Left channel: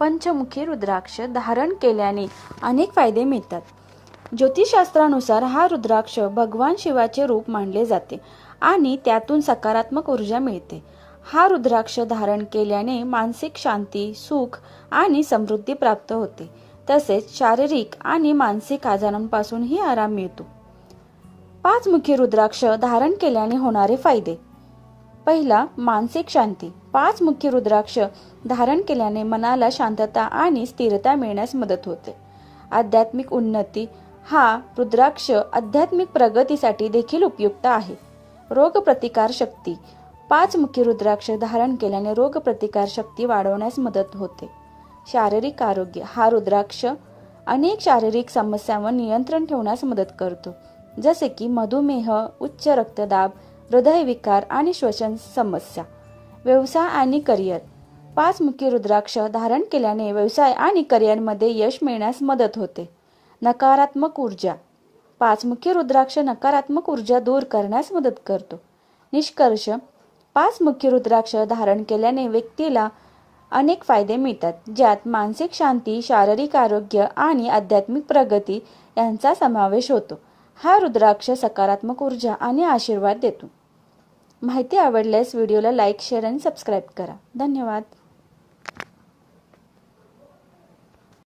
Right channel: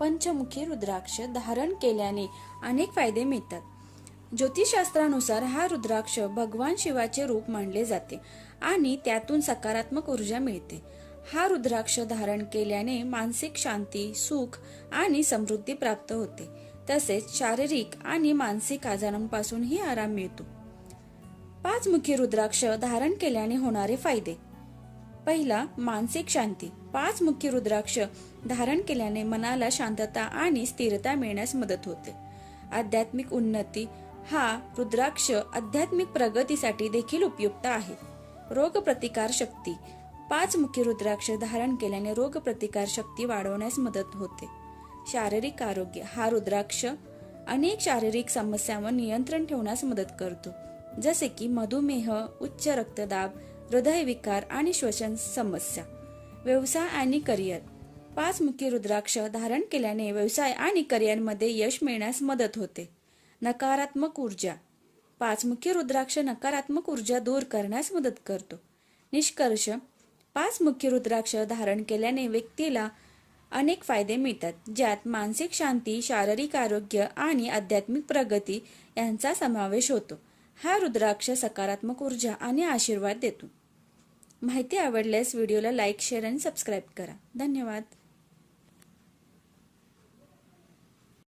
पंचमुखी रुद्राक्ष धारण केल्याने अनेक फायदे मिळतात. ज्योतिषशास्त्रानुसार हा रुद्राक्ष भगवान शिवाचे रूप मानले जाते आणि त्यातून सकारात्मक ऊर्जा मिळते. हा रुद्राक्ष धारण केल्याने मानसिक शांती, सुख आणि समृद्धी प्राप्त होते. तसेच शारीरिक आणि मानसिक आजारांपासूनही आराम मिळतो. पाचमुखी रुद्राक्ष धारण केल्याने होणारे फायदे. पहिला, मानसिक शांती. पाचमुखी रुद्राक्ष धारण केल्याने मनाला शांतता आणि स्थिरता मिळण्यास मदत होते. आध्यात्मिक उन्नती. हा रुद्राक्ष आध्यात्मिक प्रगतीसाठी देखील उपयुक्त आहे. रोगप्रतिकार शक्ती. पाचमुखी रुद्राक्ष धारण केल्याने रोगप्रतिकार शक्ती वाढवण्यास मदत होते. शारीरिक आरोग्य. हा रुद्राक्ष अनेक शारीरिक समस्यांवर नियंत्रण ठेवण्यास मदत करतो, जसे की मधुमेह, उच्च रक्तदाब, हृदयविकार आणि श्वसन समस्या. व्यवसाय आणि करिअर. पाचमुखी रुद्राक्ष धारण केल्याने व्यवसाय आणि करिअरमध्ये यश मिळण्यास मदत होते. नकारात्मक ऊर्जा. पाचमुखी रुद्राक्ष नकारात्मक ऊर्जा दूर करण्यास मदत करतो. निष्कर्ष, पाचमुखी रुद्राक्ष धारण केल्याने व्यक्तीला अनेक फायदे मिळतात, ज्यात मानसिक शांती, शारीरिक आरोग्य आणि आध्यात्मिक प्रगती यांचा समावेश होतो. हा रुद्राक्ष सकारात्मक ऊर्जा आणि आशीर्वाद देतो. माहिती आवडल्यास व्हिडिओला लाईक, शेअर आणि सबस्क्राईब करा. धन्यवाद.